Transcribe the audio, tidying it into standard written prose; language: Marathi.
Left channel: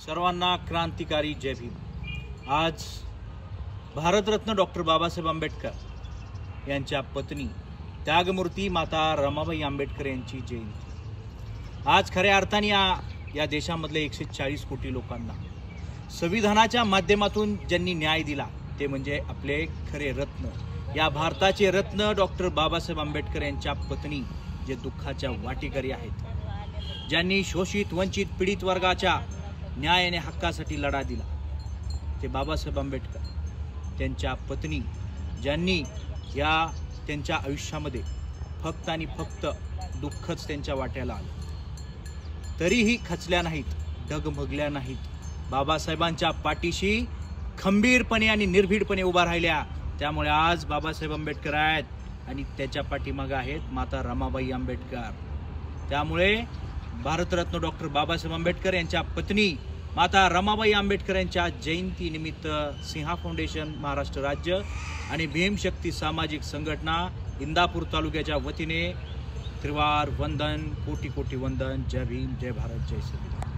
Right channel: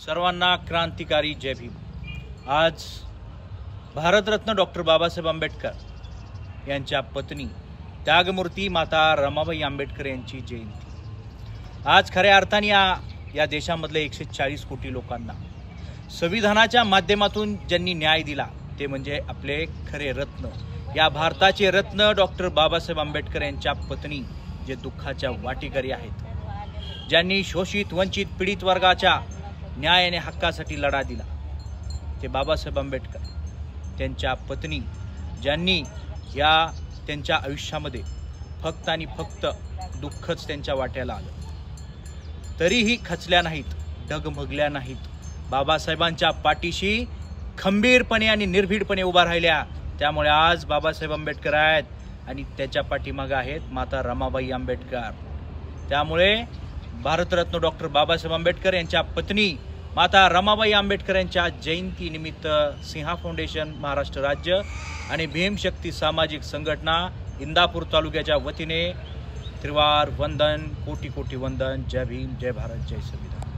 सर्वांना क्रांतिकारी जय भीम। आज भारतरत्न डॉक्टर बाबासाहेब आंबेडकर यांच्या पत्नी त्यागमूर्ती माता रमाबाई आंबेडकर यांची जयंती। आज खऱ्या अर्थाने या देशामधले 140 कोटी लोकांना संविधानाच्या माध्यमातून ज्यांनी न्याय दिला ते म्हणजे आपले खरे रत्न, या भारताचे रत्न डॉक्टर बाबासाहेब आंबेडकर यांच्या पत्नी, जे दुःखाच्या वाटेकरी आहेत, ज्यांनी शोषित वंचित पीडित वर्गाच्या न्याय आणि हक्कासाठी लढा दिला, ते बाबासाहेब आंबेडकर। त्यांच्या पत्नी ज्यांनी त्यांच्या आयुष्यामध्ये फक्त आणि फक्त दुःखच त्यांच्या वाट्याला आलं, तरीही खचल्या नाहीत, डगमगल्या नाहीत, बाबासाहेबांच्या पाठीशी खंबीरपणे आणि निर्भीडपणे उभा राहिल्या। त्यामुळे आज बाबासाहेब आंबेडकर आहेत आणि त्याच्या पाठीमागे आहेत माता रमाबाई आंबेडकर। त्यामुळे भारतरत्न डॉक्टर बाबासाहेब आंबेडकर यांच्या पत्नी माता रमाबाई आंबेडकर यांच्या जयंती निमित्त सिंहा फाउंडेशन महाराष्ट्र राज्य आणि भीमशक्ती सामाजिक संघटना इंदापूर तालुक्याच्या वतीने त्रिवार वंदन, कोटी कोटी वंदन। जय भीम, जय भारत, जय संविधान।